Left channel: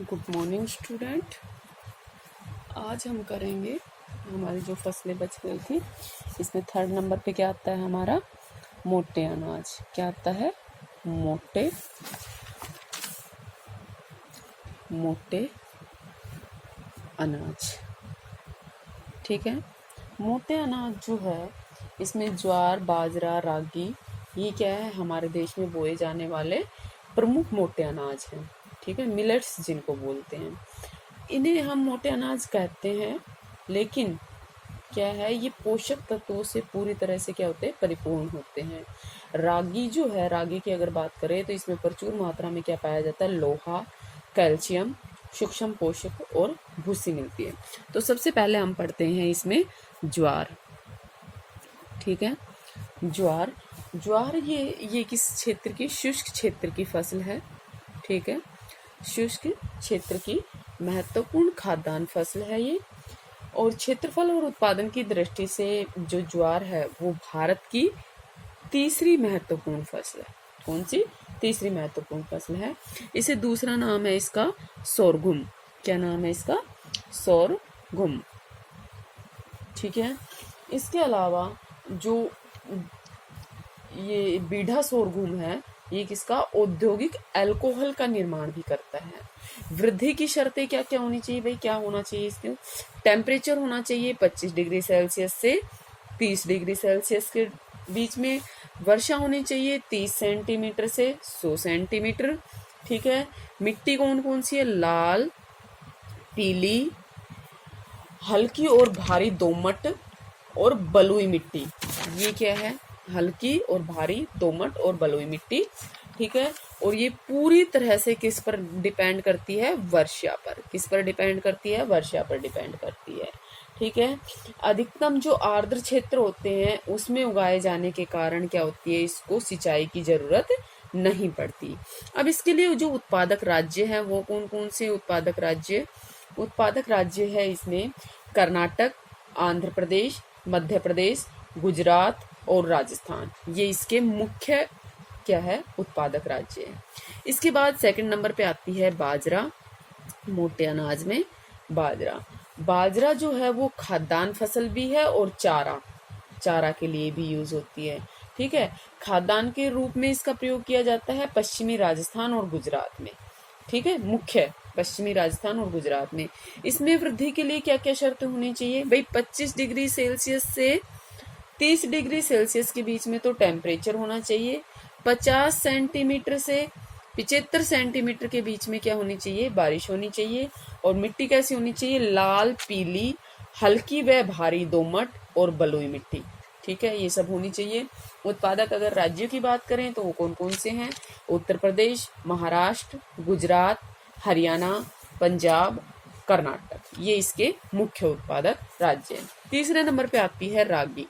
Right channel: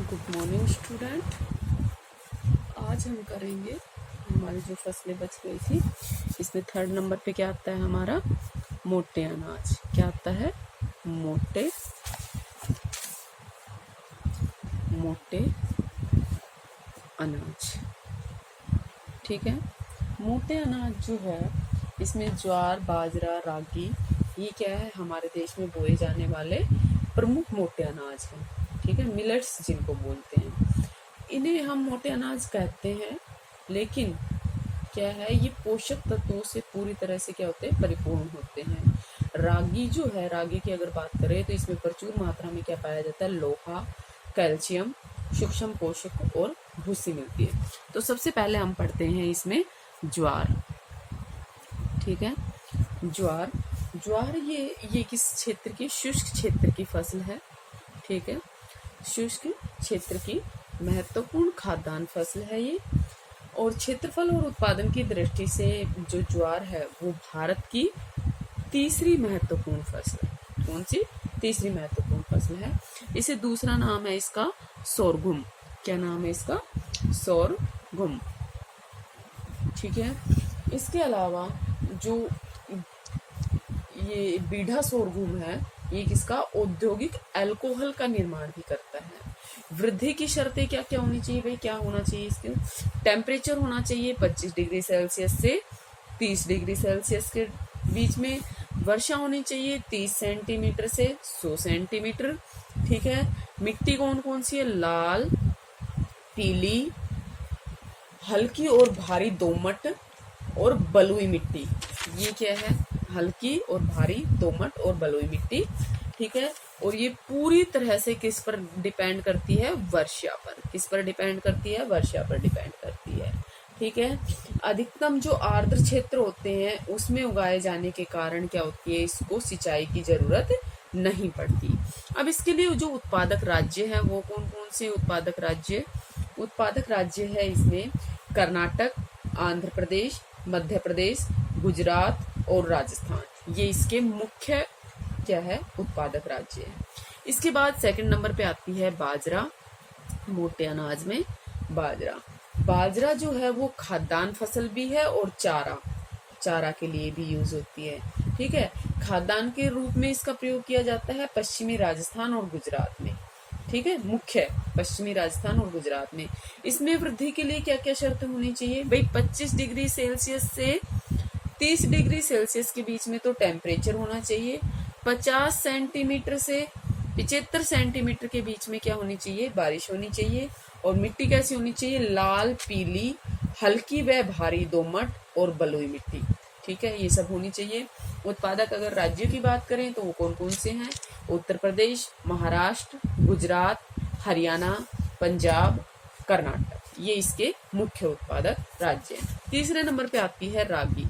Good morning student. आज हम करेंगे हमारी जो फसलें बच गई थी, इसमें 3rd नंबर पे क्या आता है हमारा, मोटे अनाज। क्या आता है? मोटे अनाज। ठीक है। मोटे अनाज जो है, इसमें ज्वार, बाजरा, रागी, ये क्या है, हमारे देश में बोए जाने वाले प्रमुख मोटे अनाज हैं। ठीक है, मिलेट्स जिनको बोलते हैं, इन्हें हम मोटे अनाज कहते हैं। लेकिन क्या है, ये पोषक तत्वों से पूरी तरह से क्या होते हैं, परिपूर्ण होते हैं। रागी जो है, रागी की अगर बात करें तो इसमें प्रचुर मात्रा में क्या पाया जाता है, लोहा, कैल्शियम, सूक्ष्म पोषक और भूसी मिलती है। तो सबसे पहले हम पढ़ते हैं इसमें ज्वार। ठीक है, ज्वार ये किस क्षेत्र की, शुष्क क्षेत्र की फसल है। ठीक है, शुष्क क्षेत्र की महत्वपूर्ण खाद्यान्न फसल है ये। और क्षेत्रफल और उत्पादन की दृष्टि से जो ज्वार है वो भारत की तीसरी महत्वपूर्ण फसल है। कौन सी? तीसरी महत्वपूर्ण फसल है। इसे दूसरा नाम है इसका सोरगुम। क्या नाम है इसका? सोरगुम। ठीक है, इसके अलावा जो ये बीढ़ा सोरगुम है, ये किसका, औद्योगिक अल्कोहल का निर्माण भी करता है। वृद्धि की शर्तें क्या क्या होनी चाहिए भाई, क्या होना चाहिए इसके? टेम्परेचर होना चाहिए 25 डिग्री सेल्सियस से 30 डिग्री सेल्सियस के बीच में। वर्षा होनी चाहिए 30 सेंटीमीटर से 100 सेंटीमीटर। ठीक है, मिट्टी कौन कौन सी है? लाल, पीली, हल्की और भारी दोमट और बलुई मिट्टी। ये क्या है? हल्की और भारी दोमट और बलुई मिट्टी। ठीक है, और ये पूरी तरह से किस पर डिपेंड करती है? वर्षा पर। किस पर डिपेंड करती है? वर्षा पर डिपेंड करती है। ठीक है, अधिकतम जो आर्द्र क्षेत्र होते हैं उसमें उगाए जाने के कारण क्या होती है, इसको सिंचाई की जरूरत नहीं पड़ती। अब इसके लिए जो उत्पादक राज्य है वो कौन कौन से उत्पादक राज्य है इसमें? कर्नाटक, आंध्र प्रदेश, मध्य प्रदेश, गुजरात और राजस्थान। ये इसके मुख्य क्या है, उत्पादक राज्य है। इसके बाद 2nd नंबर पे आती है बाजरा। मोटे अनाज में बाजरा जो है वो खाद्यान्न फसल भी है और चारा के लिए भी यूज होती है। ठीक है, खाद्यान्न के रूप में इसका प्रयोग किया जाता है पश्चिमी राजस्थान और गुजरात में। ठीक है, मुख्य पश्चिमी राजस्थान और गुजरात में। इसमें वृद्धि के लिए क्या क्या शर्त होनी चाहिए भाई? 25 डिग्री सेल्सियस से 30 डिग्री सेल्सियस के बीच में तो टेम्परेचर होना चाहिए। 50 सेंटीमीटर से 75 सेंटीमीटर के बीच में क्या होनी चाहिए? बारिश होनी चाहिए। और मिट्टी कैसी होनी चाहिए? लाल, पीली, हल्की व भारी दोमट और बलुई मिट्टी। ठीक है, ये सब होनी चाहिए। उत्पादक अगर राज्य की बात करें तो वो कौन कौन से हैं? उत्तर प्रदेश, महाराष्ट्र, गुजरात, हरियाणा, पंजाब, कर्नाटक। ये इसके मुख्य उत्पादक राज्य हैं। तीसरे नंबर पे आती है रागी।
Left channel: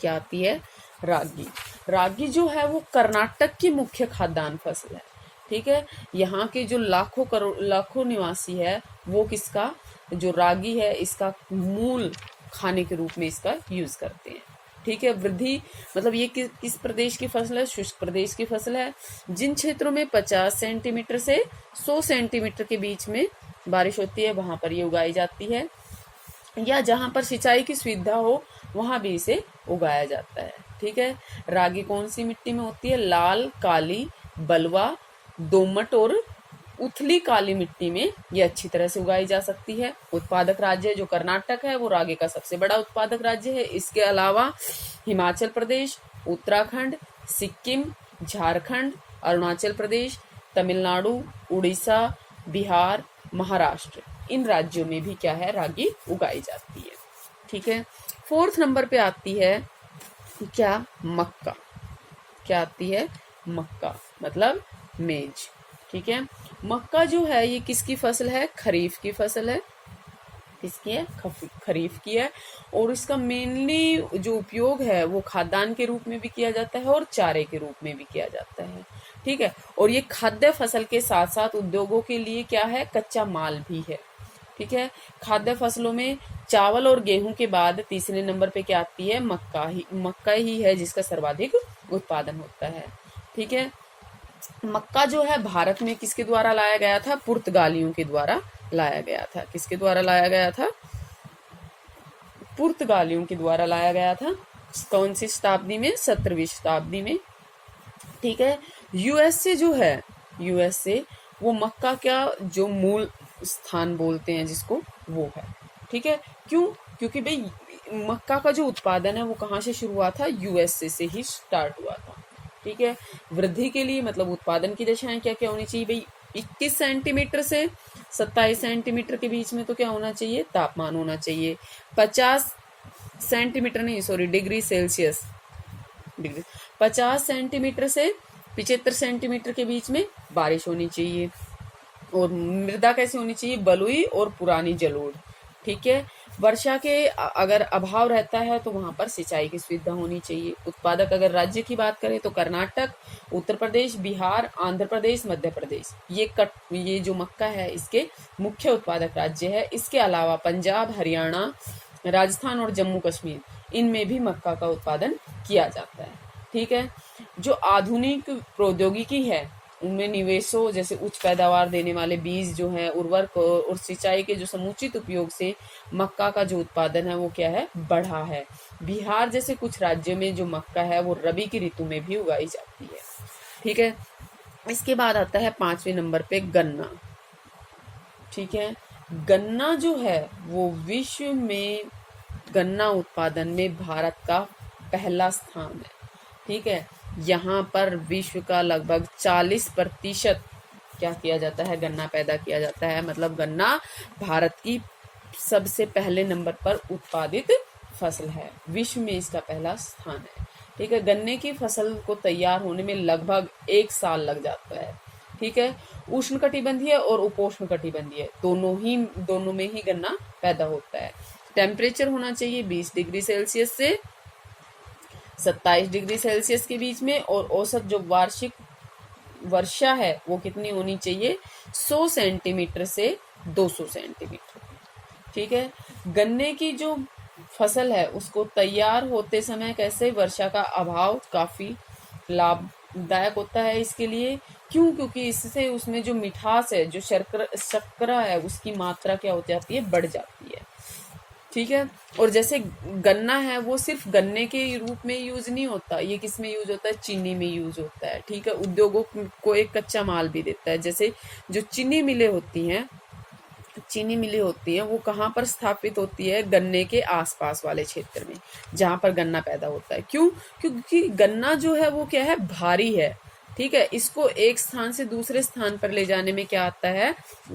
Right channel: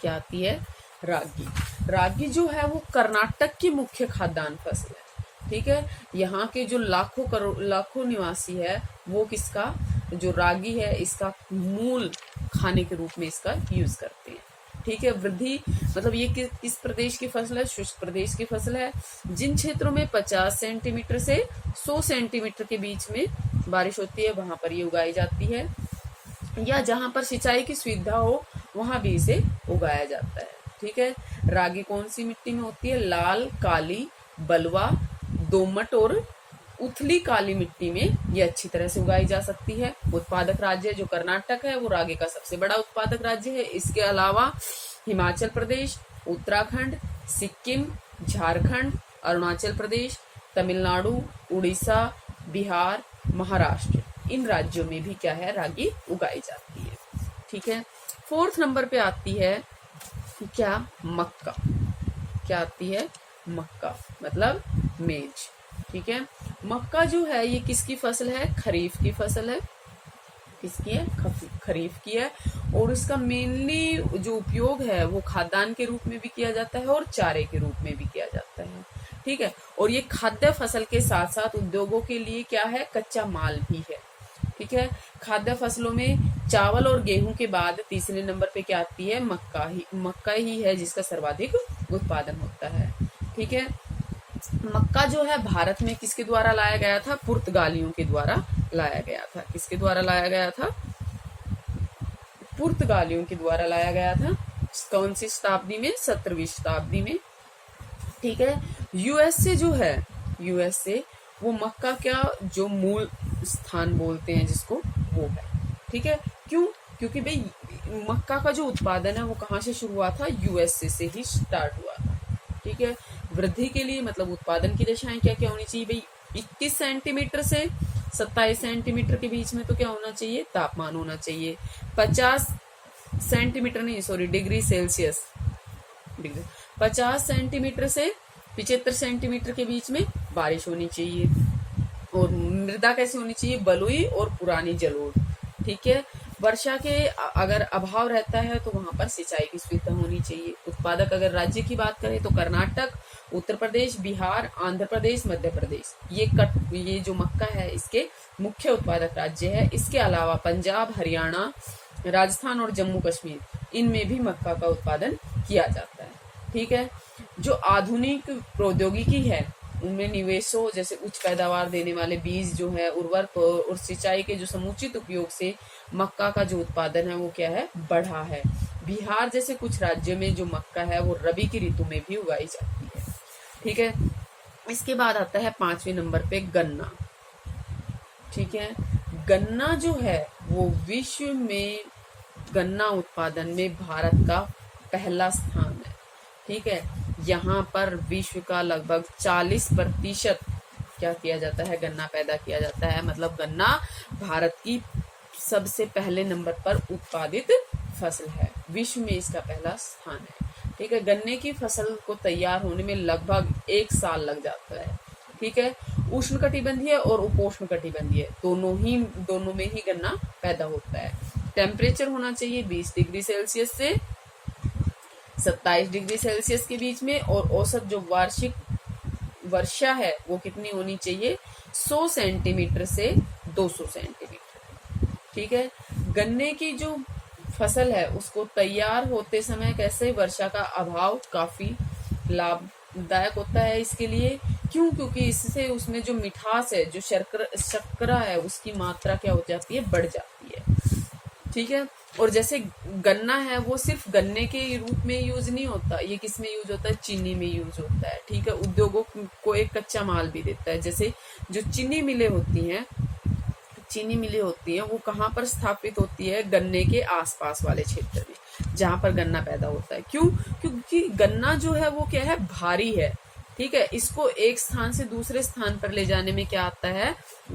क्या आती है? रागी जो है वो कर्नाटक की मुख्य खाद्यान्न फसल है। ठीक है, यहाँ के जो लाखों निवासी है वो किसका, जो रागी है इसका मूल खाने के रूप में इसका यूज करते हैं। ठीक है, वृद्धि मतलब ये किस प्रदेश की फसल है? शुष्क प्रदेश की फसल है। जिन क्षेत्रों में 50 सेंटीमीटर से 100 सेंटीमीटर के बीच में बारिश होती है वहां पर ये उगाई जाती है, या जहां पर सिंचाई की सुविधा हो वहां भी इसे उगाया जाता है। ठीक है, रागी कौन सी मिट्टी में होती है? लाल, काली, बलुआ, दोमट और उथली काली मिट्टी में ये अच्छी तरह से उगाई जा सकती है। उत्पादक राज्य जो कर्नाटक है वो रागी का सबसे बड़ा उत्पादक राज्य है। इसके अलावा हिमाचल प्रदेश, उत्तराखंड, सिक्किम, झारखंड, अरुणाचल प्रदेश, तमिलनाडु, उड़ीसा, बिहार, महाराष्ट्र, इन राज्यों में भी क्या है, रागी उगाई जाती है। ठीक है, 4th नंबर पे आती है क्या? मक्का। क्या आती है? मक्का मतलब मेज। ठीक है, मक्का जो है ये किसकी फसल है? खरीफ की फसल है। किसकी है? खरीफ की है। और इसका मेनली जो उपयोग है वो खाद्यान्न के रूप में भी किया जाता है और चारे के रूप में भी किया जाता है। ठीक है, और ये खाद्य फसल के साथ साथ उद्योगों के लिए क्या है, कच्चा माल भी है। ठीक है, खाद्य फसलों में चावल और गेहूं के बाद तीसरे नंबर पे क्या आती है? मक्का ही है जिसका सर्वाधिक उत्पादन होता है। ठीक है, मक्का जो है भारत में किसके द्वारा लाया गया था? पुर्तगालियों के द्वारा लाया गया था। किसके द्वारा लाया गया था? पुर्तगालियों के द्वारा लाया गया था। कौन सी शताब्दी में? 17वीं शताब्दी में। ठीक है। यूएसए जो है, यूएसए वो मक्का का जो मूल स्थान बोलते हैं जिसको, वो है। ठीक है। क्यों? क्योंकि भाई मक्का का जो उत्पादन है वो कहाँ से शुरू हुआ था? यूएसए से ही स्टार्ट हुआ था। ठीक है। वृद्धि के लिए मतलब उत्पादन की दशाएं क्या क्या होनी चाहिए भाई? 21 सेंटीमीटर से 27 सेंटीमीटर के बीच में तो क्या होना चाहिए? तापमान होना चाहिए। 50 सेंटीमीटर नहीं, सॉरी, डिग्री सेल्सियस, 50 सेंटीमीटर से 75 सेंटीमीटर के बीच में बारिश होनी चाहिए। और मृदा कैसी होनी चाहिए? बलुई और पुरानी जलोढ़। ठीक है। वर्षा के अगर अभाव रहता है तो वहां पर सिंचाई की सुविधा होनी चाहिए। उत्पादक अगर राज्य की बात करें तो कर्नाटक, उत्तर प्रदेश, बिहार, आंध्र प्रदेश, मध्य प्रदेश, ये जो मक्का है इसके मुख्य उत्पादक राज्य है। इसके अलावा पंजाब, हरियाणा, राजस्थान और जम्मू कश्मीर, इनमें भी मक्का का उत्पादन किया जाता है। ठीक है। जो आधुनिक प्रौद्योगिकी है उनमें निवेशों जैसे उच्च पैदावार देने वाले बीज जो है, उर्वरक और सिंचाई के जो समुचित उपयोग से मक्का का जो उत्पादन है वो क्या है? बढ़ा है। बिहार जैसे कुछ राज्यों में जो मक्का है वो रबी की ऋतु में भी उगाई जाती है। ठीक है। इसके बाद आता है 5वें नंबर पे गन्ना। ठीक है। गन्ना जो है वो विश्व में गन्ना उत्पादन में भारत का पहला स्थान है। ठीक है। यहाँ पर विश्व का लगभग 40% क्या किया जाता है? गन्ना पैदा किया जाता है। मतलब गन्ना भारत की सबसे पहले नंबर पर उत्पादित फसल है। विश्व में इसका पहला स्थान है। ठीक है। गन्ने की फसल को तैयार होने में लगभग 1 साल लग जाता है। ठीक है। उष्णकटिबंधीय और उपोष्ण कटिबंधीय दोनों में ही गन्ना पैदा होता है। टेम्परेचर होना चाहिए 20 डिग्री सेल्सियस से 27 डिग्री सेल्सियस के बीच में। और औसत जो वार्षिक वर्षा है वो कितनी होनी चाहिए? 100 सेंटीमीटर से 200 सेंटीमीटर। ठीक है। गन्ने की जो फसल है उसको तैयार होते समय कैसे? वर्षा का अभाव काफी लाभदायक होता है इसके लिए। क्यों? क्योंकि इससे उसमें जो मिठास है, जो शर्करा है, उसकी मात्रा क्या हो जाती है? बढ़ जाती है। ठीक है। और जैसे गन्ना है वो सिर्फ गन्ने के रूप में यूज नहीं होता, ये किस में यूज होता है? चीनी में यूज होता है। ठीक है। उद्योगों को एक कच्चा माल भी देता है। जैसे जो चीनी मिलें होती हैं वो कहाँ पर स्थापित होती है? गन्ने के आसपास वाले क्षेत्र में जहां पर गन्ना पैदा होता है। क्यों? क्योंकि गन्ना जो है वो क्या है? भारी है। ठीक है। इसको एक स्थान से दूसरे स्थान पर ले जाने में क्या आता है?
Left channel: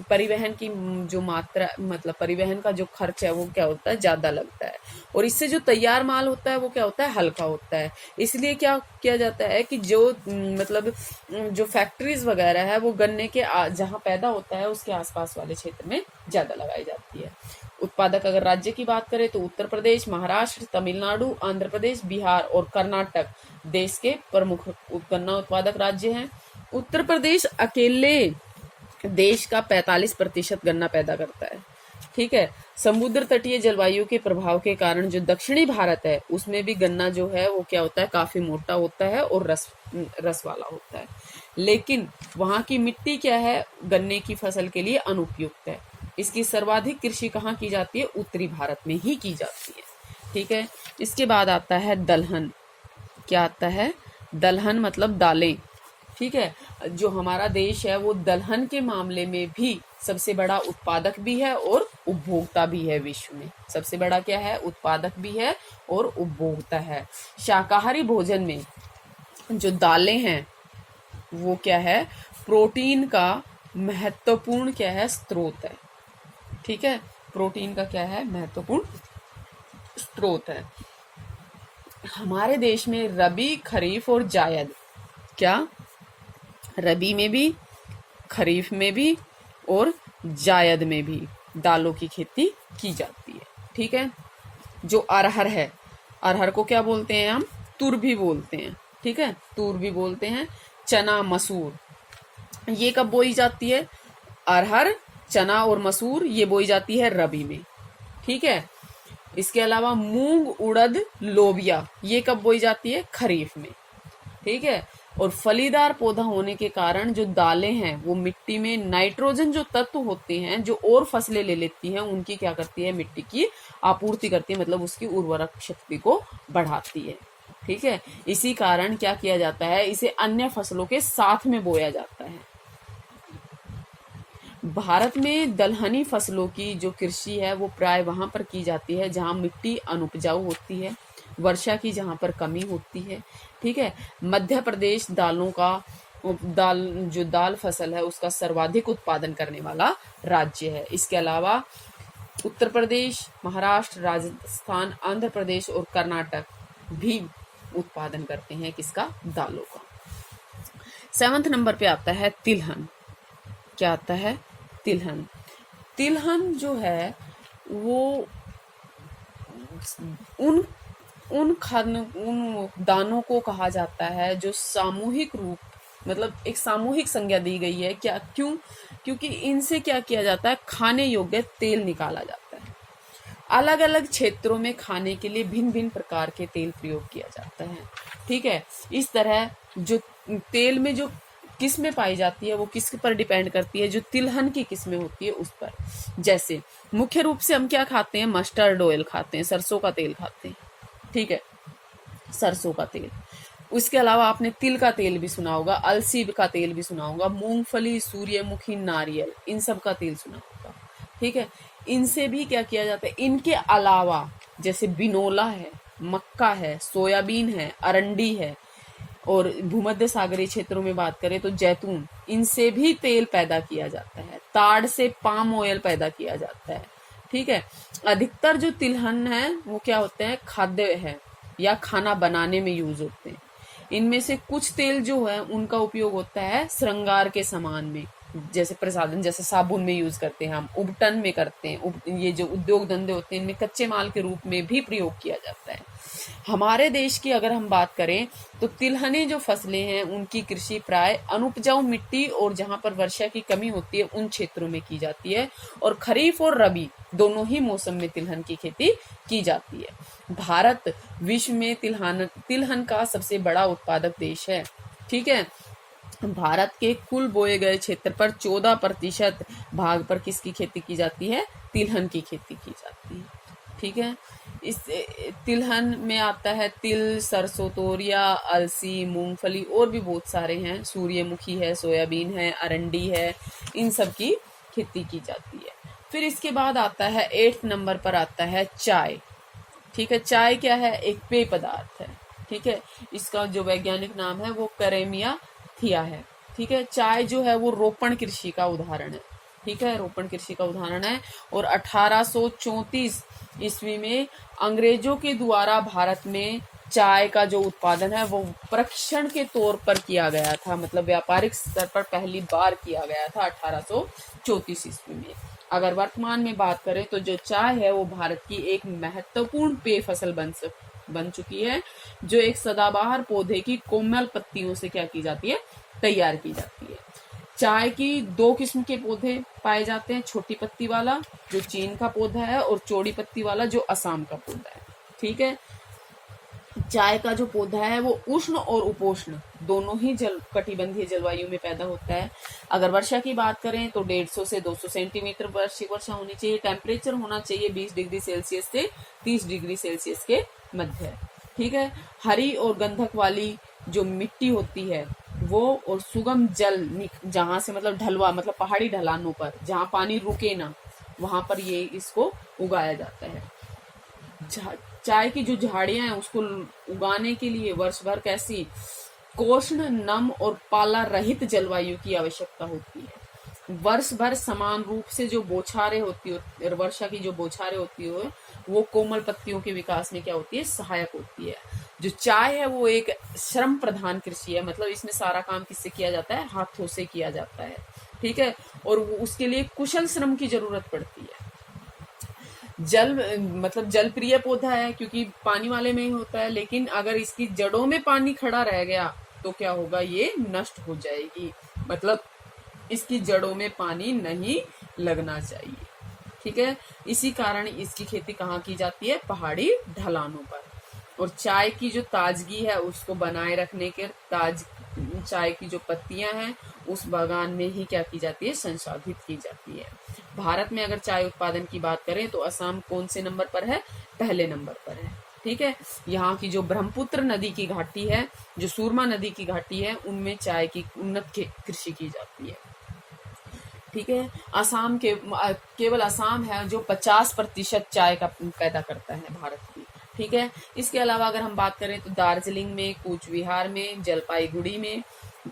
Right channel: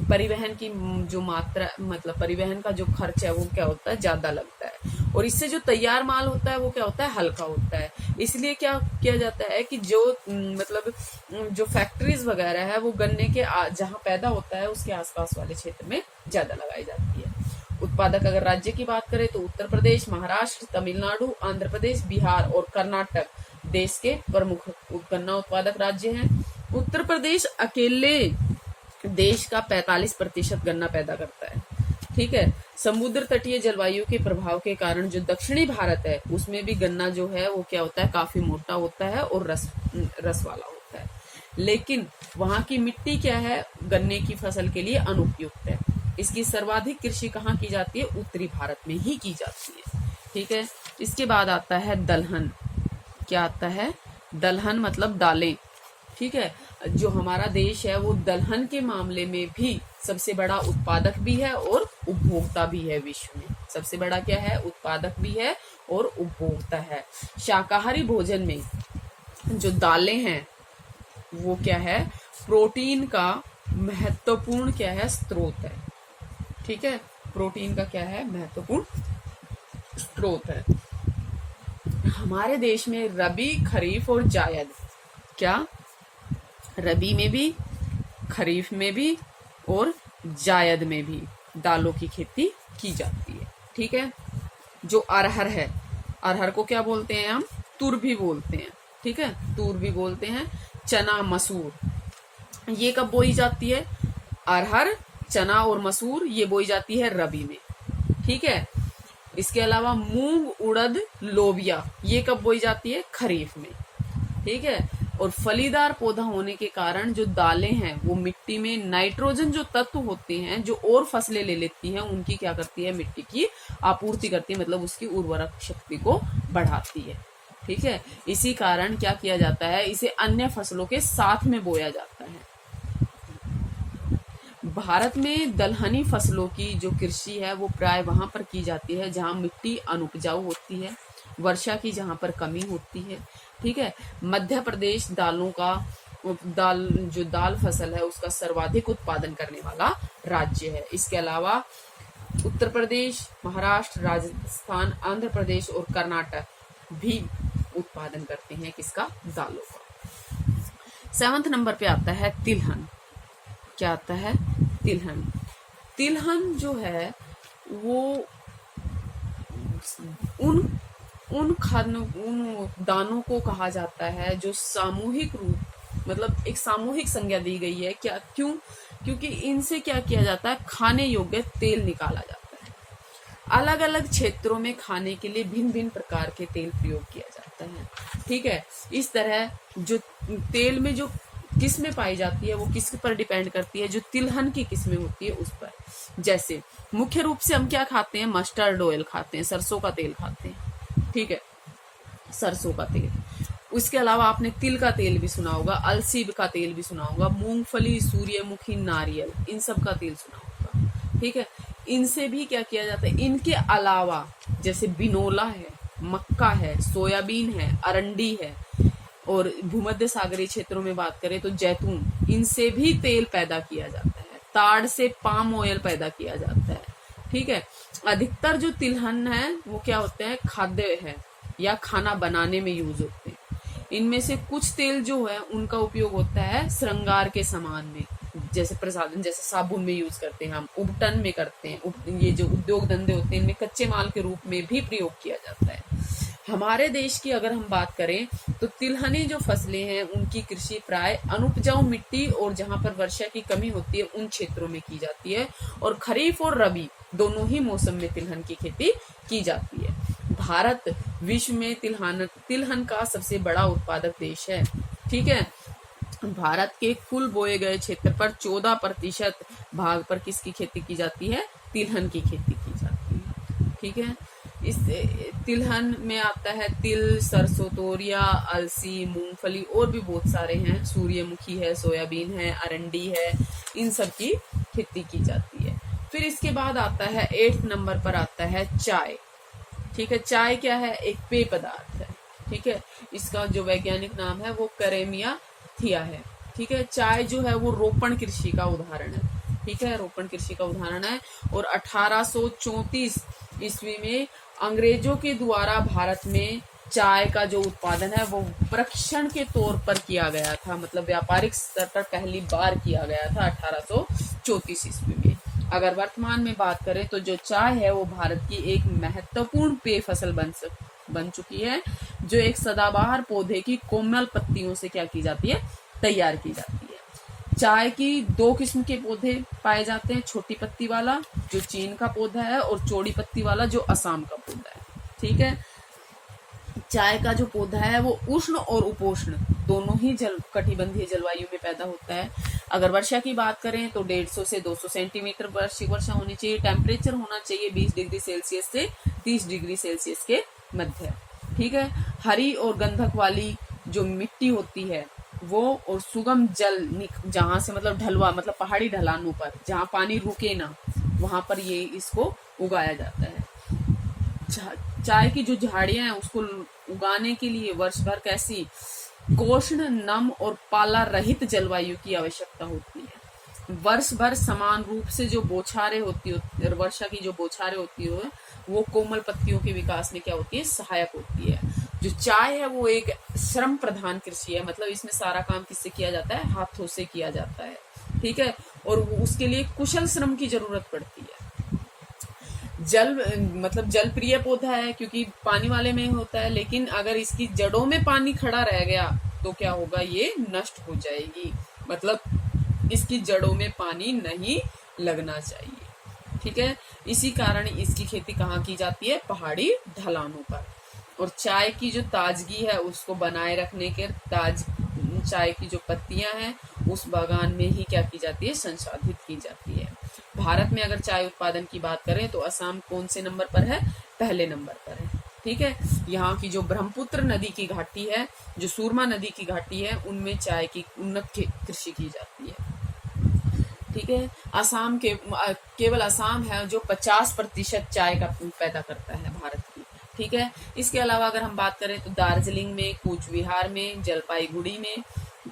परिवहन की जो मात्रा, मतलब परिवहन का जो खर्च है वो क्या होता है? ज्यादा लगता है। और इससे जो तैयार माल होता है वो क्या होता है? हल्का होता है। इसलिए क्या किया जाता है कि जो मतलब जो फैक्ट्रीज वगैरह है वो गन्ने के जहाँ पैदा होता है उसके आसपास वाले क्षेत्र में ज्यादा लगाई जाती है। उत्पादक अगर राज्य की बात करें तो उत्तर प्रदेश, महाराष्ट्र, तमिलनाडु, आंध्र प्रदेश, बिहार और कर्नाटक देश के प्रमुख गन्ना उत्पादक राज्य हैं। उत्तर प्रदेश अकेले देश का 45% गन्ना पैदा करता है। ठीक है। समुद्र तटीय जलवायु के प्रभाव के कारण जो दक्षिणी भारत है उसमें भी गन्ना जो है वो क्या होता है? काफी मोटा होता है और रस वाला होता है। लेकिन वहां की मिट्टी क्या है? गन्ने की फसल के लिए अनुपयुक्त है। इसकी सर्वाधिक कृषि कहाँ की जाती है? उत्तरी भारत में ही की जाती है। ठीक है। इसके बाद आता है दलहन। क्या आता है? दलहन मतलब दालें। ठीक है। जो हमारा देश है वो दलहन के मामले में भी सबसे बड़ा उत्पादक भी है और उपभोक्ता भी है। विश्व में सबसे बड़ा क्या है? उत्पादक भी है और उपभोक्ता है। शाकाहारी भोजन में जो दालें हैं वो क्या है? प्रोटीन का महत्वपूर्ण क्या है? स्रोत है। ठीक है। प्रोटीन का क्या है? महत्वपूर्ण स्रोत है। हमारे देश में रबी, खरीफ और जायद, क्या रबी में भी, खरीफ में भी और जायद में भी दालों की खेती की जाती है। ठीक है। जो अरहर है, अरहर को क्या बोलते हैं हम? तुर भी बोलते हैं। ठीक है। तुर भी बोलते हैं। चना, मसूर, ये कब बोई जाती है? अरहर, चना और मसूर ये बोई जाती है रबी में। ठीक है। इसके अलावा मूंग, उड़द, लोबिया ये कब बोई जाती है? खरीफ में। ठीक है। और फलीदार पौधा होने के कारण जो दालें हैं वो मिट्टी में नाइट्रोजन जो तत्व होते हैं जो और फसलें ले लेती हैं, उनकी क्या करती है, मिट्टी की आपूर्ति करती है, मतलब उसकी उर्वरक शक्ति को बढ़ाती है। ठीक है, इसी कारण क्या किया जाता है, इसे अन्य फसलों के साथ में बोया जाता है। भारत में दलहनी फसलों की जो कृषि है वो प्राय वहां पर की जाती है जहां मिट्टी अनुपजाऊ होती है, वर्षा की जहां पर कमी होती है। ठीक है, मध्य प्रदेश दाल फसल है उसका सर्वाधिक उत्पादन करने वाला राज्य है। इसके अलावा उत्तर प्रदेश, महाराष्ट्र, राजस्थान, आंध्र प्रदेश और कर्नाटक भी उत्पादन करते हैं किसका, दालों का। 7वें नंबर पे आता है तिलहन। क्या आता है, तिलहन। तिलहन जो है वो उन दानों को कहा जाता है जो सामूहिक रूप, मतलब एक सामूहिक संज्ञा दी गई है। क्या, क्यों? क्योंकि इनसे क्या किया जाता है, खाने योग्य तेल निकाला जाता है। अलग अलग क्षेत्रों में खाने के लिए भिन्न भिन्न प्रकार के तेल प्रयोग किया जाता है। ठीक है, इस तरह जो तेल में जो किस्में पाई जाती है वो किस पर डिपेंड करती है, जो तिलहन की किस्में होती है उस पर। जैसे मुख्य रूप से हम क्या खाते हैं, मस्टर्ड ऑयल खाते हैं, सरसों का तेल खाते हैं। ठीक है, सरसों का तेल। उसके अलावा आपने तिल का तेल भी सुना होगा, अलसी का तेल भी सुना होगा, मूंगफली, सूर्यमुखी, नारियल, इन सब का तेल सुना होगा। ठीक है, इनसे भी क्या किया जाता है। इनके अलावा जैसे बिनोला है, मक्का है, सोयाबीन है, अरंडी है, और भूमध्य सागरीय क्षेत्रों में बात करें तो जैतून, इनसे भी तेल पैदा किया जाता है। ताड़ से पाम ऑयल पैदा किया जाता है। ठीक है, अधिकतर जो तिलहन है वो क्या होते हैं, खाद्य है या खाना बनाने में यूज होते हैं। इनमें से कुछ तेल जो है उनका उपयोग होता है श्रृंगार के सामान में, जैसे प्रसाधन, जैसे साबुन में यूज करते हैं हम, उबटन में करते हैं, ये जो उद्योग धंधे होते हैं इनमें कच्चे माल के रूप में भी प्रयोग किया जाता है। हमारे देश की अगर हम बात करें तो तिलहनी जो फसलें हैं उनकी कृषि प्राय अनुपजाऊ मिट्टी और जहां पर वर्षा की कमी होती है उन क्षेत्रों में की जाती है, और खरीफ और रबी दोनों ही मौसम में तिलहन की खेती की जाती है। भारत विश्व में तिलहन का सबसे बड़ा उत्पादक देश है। ठीक है, भारत के कुल बोए गए क्षेत्र पर 14% भाग पर किसकी खेती की जाती है, तिलहन की खेती की जाती है। ठीक है, इस तिलहन में आता है तिल, सरसों, तोरिया, अलसी, मूंगफली और भी बहुत सारे हैं, सूर्यमुखी है, सोयाबीन है, अरंडी है, इन सब की खेती की जाती है। फिर इसके बाद आता है 8 नंबर पर आता है चाय। ठीक है, चाय क्या है, एक पेय पदार्थ है। ठीक है, इसका जो वैज्ञानिक नाम है वो करेमिया थिया है। ठीक है, चाय जो है वो रोपण कृषि का उदाहरण है। ठीक है, रोपण कृषि का उदाहरण है, और 1834 ईस्वी में अंग्रेजों के द्वारा भारत में चाय का जो उत्पादन है वो प्रशिक्षण के तौर पर किया गया था, मतलब व्यापारिक स्तर पर पहली बार किया गया था 1834 ईस्वी में। अगर वर्तमान में बात करें तो जो चाय है वो भारत की एक महत्वपूर्ण पेय फसल बन चुकी है, जो एक सदाबहार पौधे की कोमल पत्तियों से क्या की जाती है, तैयार की जाती है। चाय की 2 किस्म के पौधे पाए जाते हैं, छोटी पत्ती वाला जो चीन का पौधा है और चौड़ी पत्ती वाला जो असम का पौधा है। ठीक है, चाय का जो पौधा है वो उष्ण और उपोष्ण दोनों ही कटिबंधीय जलवायु में पैदा होता है। अगर वर्षा की बात करें तो 150 से 200 सेंटीमीटर वार्षिक वर्षा होनी चाहिए। टेम्परेचर होना चाहिए 20 डिग्री सेल्सियस से 30 डिग्री सेल्सियस के मध्य। ठीक है, हरी और गंधक वाली जो मिट्टी होती है वो, और सुगम जल जहां से, मतलब ढलवा, मतलब पहाड़ी ढलानों पर जहां पानी रुके ना, वहां पर ये इसको उगाया जाता है। चाय की जो झाड़ियां हैं उसको उगाने के लिए वर्ष भर कैसी कोष्ण, नम और पाला रहित जलवायु की आवश्यकता होती है। वर्ष भर समान रूप से जो बौछारें होती है, वर्षा की जो बौछारें होती है वो कोमल पत्तियों के विकास में क्या होती है, सहायक होती है। जो चाय है वो एक श्रम प्रधान कृषि है, मतलब इसमें सारा काम किससे किया जाता है, हाथों से किया जाता है। ठीक है, और उसके लिए कुशल श्रम की जरूरत पड़ती है। मतलब जल प्रिय पौधा है क्योंकि पानी वाले में ही होता है, लेकिन अगर इसकी जड़ों में पानी खड़ा रह गया तो क्या होगा, ये नष्ट हो जाएगी, मतलब इसकी जड़ों में पानी नहीं लगना चाहिए। ठीक है, इसी कारण इसकी खेती कहाँ की जाती है, पहाड़ी ढलानों पर। और चाय की जो ताजगी है उसको बनाए रखने के चाय की जो पत्तियां हैं उस बागान में ही क्या की जाती है, संसाधित की जाती है। भारत में अगर चाय उत्पादन की बात करें तो असम कौन से नंबर पर है, पहले नंबर पर है। ठीक है, यहाँ की जो ब्रह्मपुत्र नदी की घाटी है, जो सूरमा नदी की घाटी है, उनमें चाय की उन्नत कृषि की जाती है। ठीक है, असम के केवल असम है जो 50% चाय का पैदा करता है भारत की। ठीक है, इसके अलावा अगर हम बात करें तो दार्जिलिंग में, कूच बिहार में, जलपाईगुड़ी में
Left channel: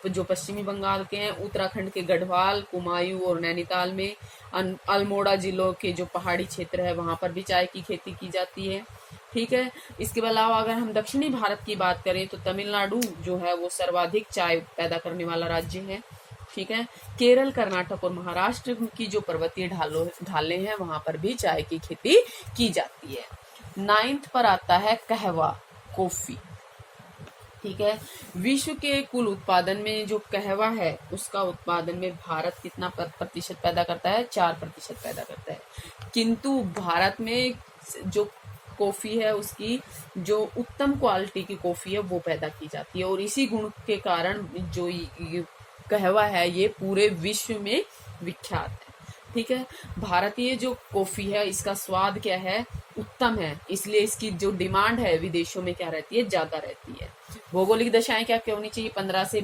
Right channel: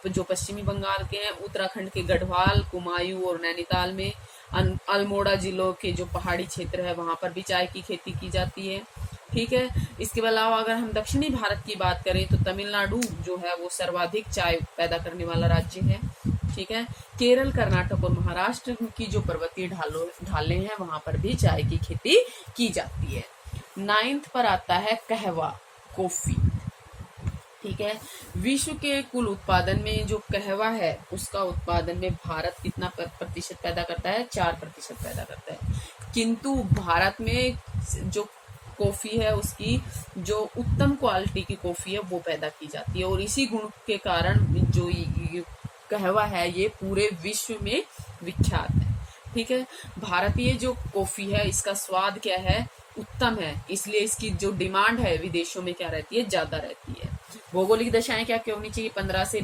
जो पश्चिमी बंगाल के हैं, उत्तराखंड के गढ़वाल, कुमायूं और नैनीताल में, अल्मोड़ा जिलों के जो पहाड़ी क्षेत्र है वहां पर भी चाय की खेती की जाती है। ठीक है, इसके अलावा अगर हम दक्षिणी भारत की बात करें तो तमिलनाडु जो है वो सर्वाधिक चाय पैदा करने वाला राज्य है। ठीक है, केरल, कर्नाटक और महाराष्ट्र की जो पर्वतीय ढालें हैं वहां पर भी चाय की खेती की जाती है। 9th पर आता है कहवा, कॉफी। ठीक है, विश्व के कुल उत्पादन में जो कहवा है उसका उत्पादन में भारत कितना प्रतिशत पैदा करता है, 4% पैदा करता है। किंतु भारत में जो कॉफी है उसकी जो उत्तम क्वालिटी की कॉफी है वो पैदा की जाती है, और इसी गुण के कारण जो कहवा है ये पूरे विश्व में विख्यात है। ठीक है, भारतीय जो कॉफी है इसका स्वाद क्या है, उत्तम है, इसलिए इसकी जो डिमांड है विदेशों में क्या रहती है, ज्यादा रहती है। भौगोलिक दशाएं क्या क्या होनी चाहिए, 15 से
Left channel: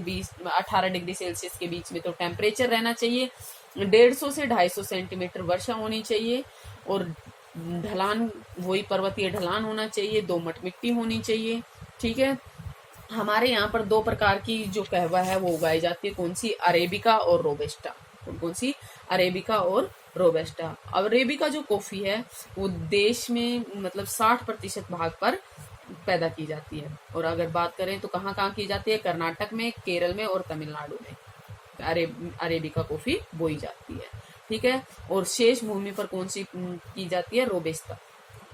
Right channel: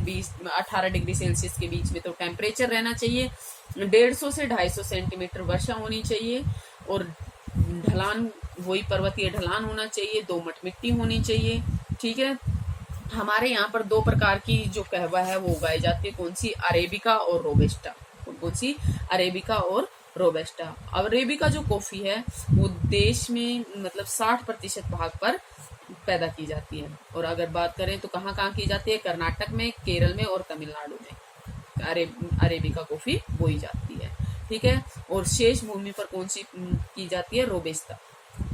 18 डिग्री सेल्सियस के बीच में तो टेम्परेचर रहना चाहिए, 150 से 250 सेंटीमीटर वर्षा होनी चाहिए, और ढलान वही पर्वतीय ढलान होना चाहिए, दोमट मिट्टी होनी चाहिए। ठीक है, हमारे यहाँ पर 2 प्रकार की जो कहवा है वो उगाई जाती है, कौन सी, अरेबिका और रोबेस्टा। कौन सी, अरेबिका और रोबेस्टा। अरेबिका जो कॉफी है वो देश में मतलब 60% भाग पर पैदा की जाती है, और अगर बात करें तो कहाँ कहाँ की जाती है, कर्नाटक में, केरल में और तमिलनाडु में अरेबिका कॉफी बोई जाती है। ठीक है, और शेष भूमि पर कौन सी की जाती है, रोबेस्ता।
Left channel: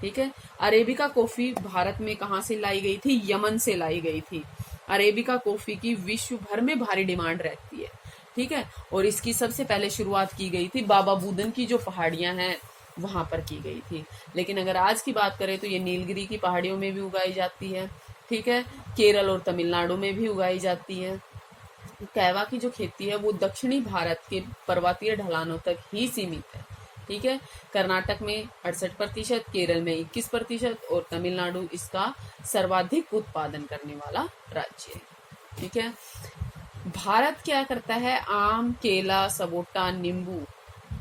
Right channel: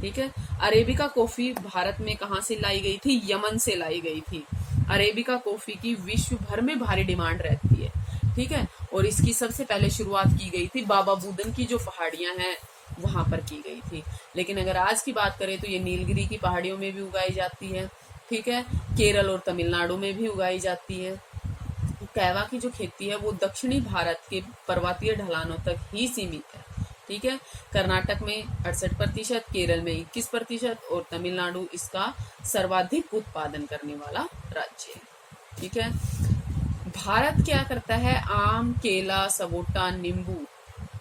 ठीक है, अरेबिका कॉफी भारत में कहाँ से लाई गई थी, यमन से लाई गई थी। अरेबिका कॉफी की विश्व भर में भारी डिमांड रहती है। ठीक है, और इसकी सबसे पहले शुरुआत की गई थी बाबा बुदन की जो पहाड़ियां हैं वहां पर की गई थी, लेकिन अगर आज की बात करें तो ये नीलगिरी की पहाड़ियों में भी उगाई जाती है। ठीक है, केरल और तमिलनाडु में भी उगाई जाती है। कहवा की जो खेती है वो दक्षिणी भारत के पर्वतीय ढलानों तक ही सीमित है। ठीक है, कर्नाटक में 68%, केरल में 21% और तमिलनाडु इसका सर्वाधिक उत्पादन करने वाला राज्य है। ठीक है, भारत क्या करता है, आम, केला, सपोटा, नींबू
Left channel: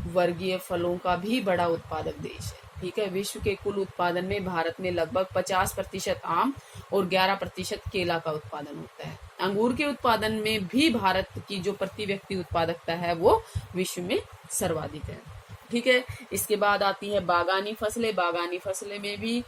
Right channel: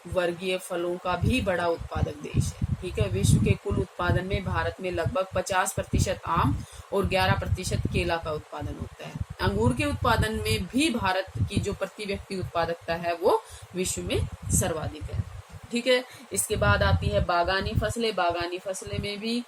वर्गीय फलों का भी बड़ा उत्पादक देश है। ठीक है, विश्व के कुल उत्पादन में भारत में लगभग 50% आम और 11% केला का उत्पादन होता है। अंगूर के उत्पादन में भी भारत की जो प्रति व्यक्ति उत्पादकता है वो विश्व में सर्वाधिक है। ठीक है, इसके बाद आती है बागानी फसलें। बागानी फसलें में भी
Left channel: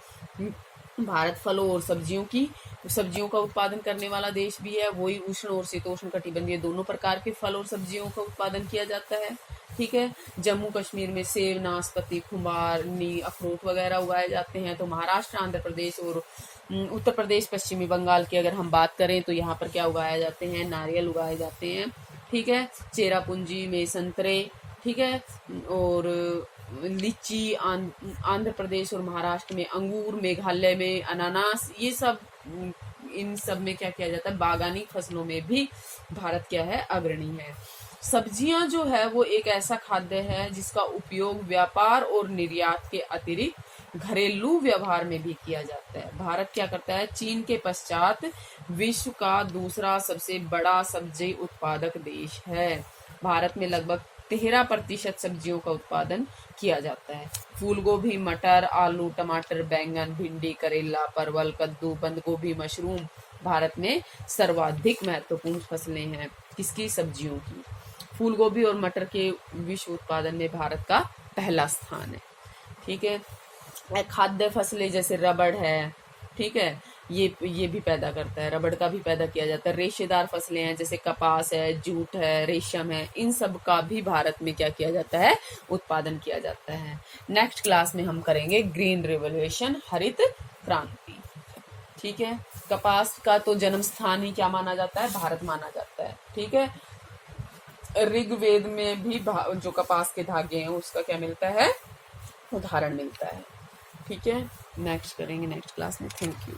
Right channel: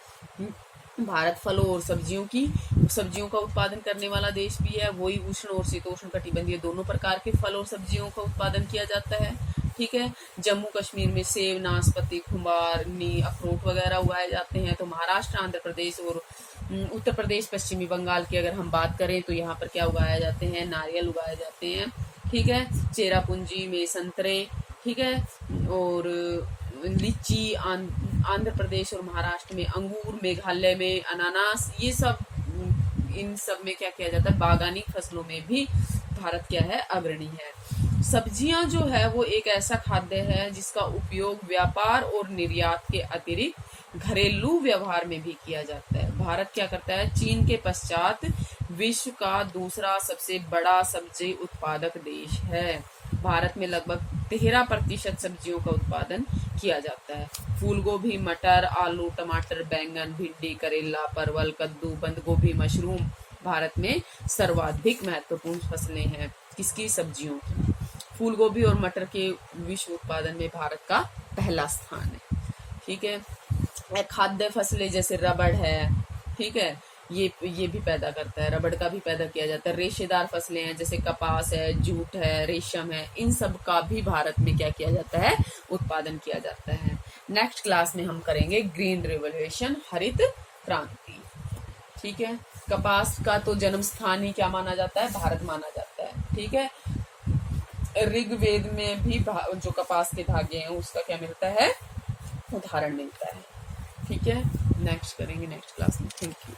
भारत फलों और सब्जियों का उत्पादन करने वाला देश भी है। वही उष्ण और शीतोष्ण कटिबंधीय दोनों प्रकार के फल और सब्जियों का उत्पादन किया जाता है। ठीक है, जम्मू कश्मीर में सेब, नाशपाती, खुम्बार, अखरोट वगैरह उगाए जाते हैं। तो महाराष्ट्र, आंध्र प्रदेश और उत्तर प्रदेश, पश्चिमी बंगाल की अगर हम बात करें तो यहाँ पर क्या उगाए जाते हैं, नारियल उगाए जाते हैं। ठीक है, चेरापूंजी में संतरे। ठीक है, और लीची आंध्र प्रदेश और महाराष्ट्र में, अंगूर मेघालय में, अनानास, ये सब इन सब में क्या किया जाता है, बागानी फसलों में भी भारत क्या है, अग्रणी है। सब्जियां जो है वो एक ऐसा खाद्य है जिसका उपयोग व्यापार और निर्यात के अतिरिक्त घरेलू व्यवहार में भी किया जाता है। भारत क्या करता है, चीन के पश्चात विश्व का दूसरा सबसे बड़ा सब्जी उत्पादक देश है। भारत में लगभग 13% सब्जियों का उत्पादन किया जाता है। फूल गोभी, मटर, आलू, टमाटर, बैंगन, भिंडी, करेला, परवल, कद्दू, बंद गोभी, मशरूम भारत में सर्वाधिक महत्वपूर्ण फसलें हैं। किसकी, सब्जियों की। फूल गोभी और मटर के विश्व उत्पादन में भारत का पहला स्थान है। ठीक है, खाद्य फसलें जैसे रबड़ है, ठीक है, ये भी पैदा करता है, रबड़ का भी पैदा किया जाता है। रेशेदार फसलें हैं जैसे कपास है, जूट है, रेशम है, इन सब का भी भारत में क्या किया जाता है, उत्पादन किया जाता है। नेक्स्ट क्लास में हम करेंगे ग्रीन रिवोल्यूशन, हरित क्रांति। ठीक है, कपास का तो जन्म स्थान ही क्या माना जाता है, भारत माना जाता है। ठीक है, ऋग्वेद में भी जो कपास के धागे हैं उसका क्या मिलता है, उदाहरण मिलता है। ठीक है, नेक्स्ट करेंगे नेक्स्ट क्लास में। Thank you.